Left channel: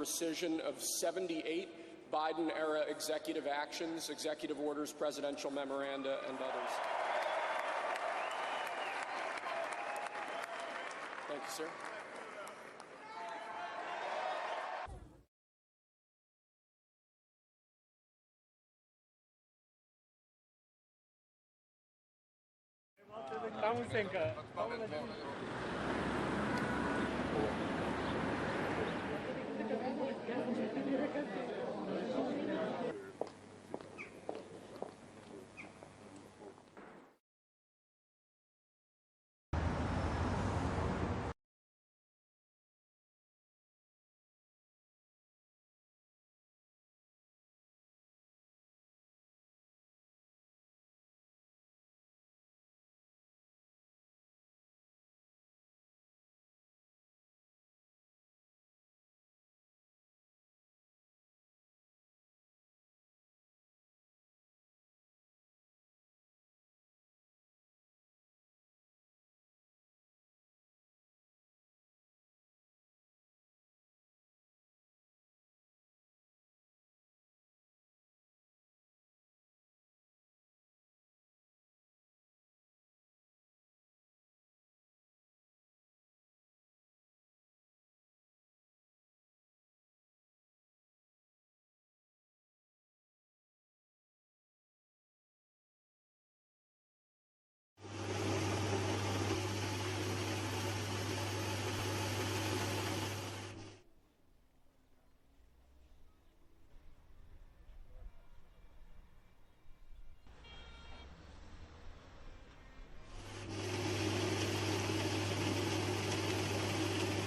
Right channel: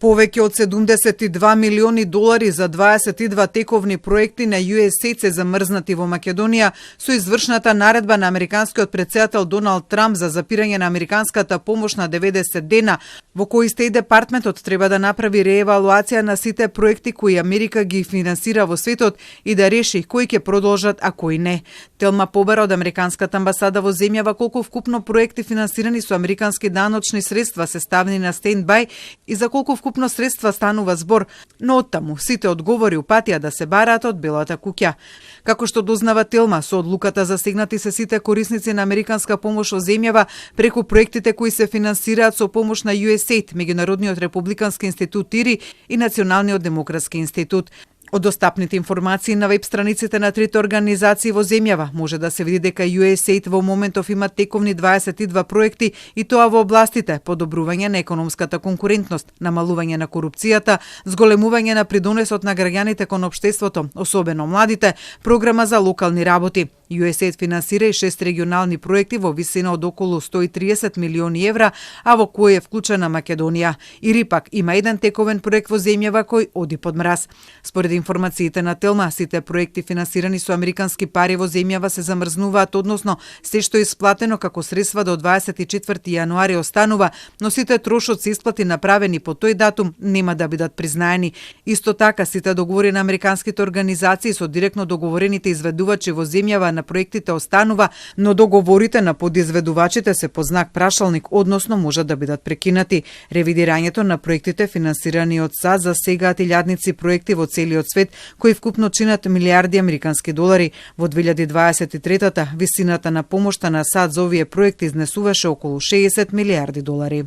Повеќе од 72 милиони долари за 22 тековни проекти на USAID се замрзнати во Македонија со извршната наредба на американскиот претседател Доналд Трамп за запирање на американската помош на 90 дена, во кои Стејт департментот треба да направи реевалуација на сите проекти кои Америка ги финансира во светот и да реши кои ќе продолжат, а кои не. Телма побара од американската амбасада во земјава колку вкупно проекти финансирани со американски даночни средства се ставени на стендбај и за колку вкупно средства станува збор, но оттаму сите одговори упатија да се бараат од Белата куќа. Како што дознава Телма, со одлуката засегнати се сите корисници на американска помош во земјава преку проектите кои се финансираат со помош на USAID, Меѓународниот републикански институт ИРИ и Националниот демократски институт. Од достапните информации на веб страниците на трите организации во земјава може да се види дека USAID во моментов има тековни 22 проекти и тоа во областите подобрување на економската конкурентност, намалување на корупцијата, зголемување на придонесот на граѓаните кон општеството, особено младите, програма за локални работи. USAID финансира и 6 регионални проекти во висина од околу 130 милиони евра, а во кој е вклучена Македонија. Ири пак има еден тековен проект во земјава кој оди под мраз. Според информациите на Телма, сите проекти финансирани со американски пари во земјава се замрзнуваат, односно се што е исплатено како средства до 24 јануари останува, но сите трошоци исплати направени по тој датум нема да бидат признаени. Исто така, сите договори на американските организации со директно договорените изведувачи во земјава на проектите останува, но договорите на подизведувачите се по знак прашалник, односно можат да бидат прекинати. Ревидирањето на проектите финансирани од САД засегаат илјадници проекти во целиот свет, кои вкупно чинат милиарди американски долари. Во 2023-та висината на помошта на САД за овие проекти изнесуваше околу 60 милиарди долари.